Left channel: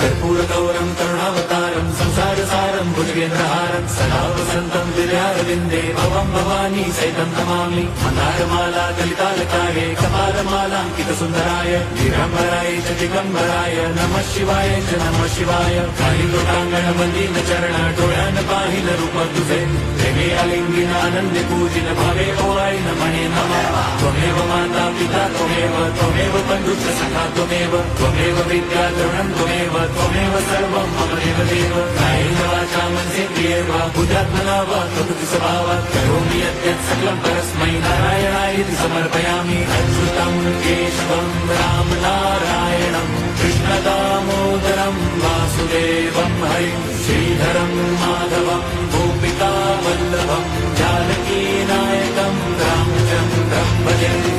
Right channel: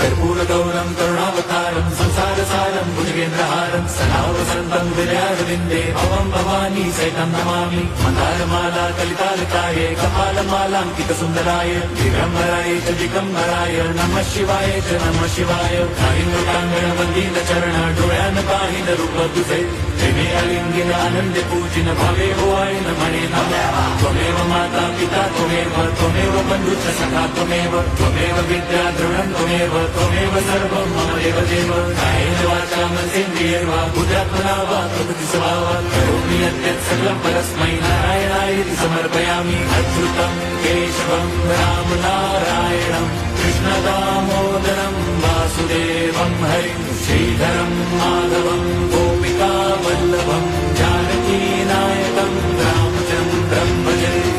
कर्पूरगौरं करुणावतारं संसारसारं भुजगेन्द्रहारं सदा वसन्तं विद्यारविन्दे भवं भवानी सहितं नमामि। मन्दारमाला कलितालकाये कपालमालाङ्कितसुन्दराय दिगम्बराय च दिगम्बराय नमः शिवाय च नमः शिवाय। कालिङ्गोटाङ्गणमन्दिरचरण डोळ्यान पाहिन रूप तुझे प्रेमे अलिंगिन आनंदी पूजिन भावे ओवाळी नमणे नमः। त्वमेव माता पिता त्वमेव बन्धुश्च सखा त्वमेव विद्या द्रविणं त्वमेव सर्वं मम देव। कायेन वाचा मनसेन्द्रियैर्वा बुद्ध्यात्मना वा प्रकृति स्वभावात् करोमि यद्यत् सकलं परस्मै नारायणायेति समर्पयामि। अच्युतं केशवं राम नारायणं कृष्णदामोदरं वासुदेवं हरिं श्रीधरं माधवं गोपिका वल्लभं जानकी नायकं रामचन्द्रं भजे।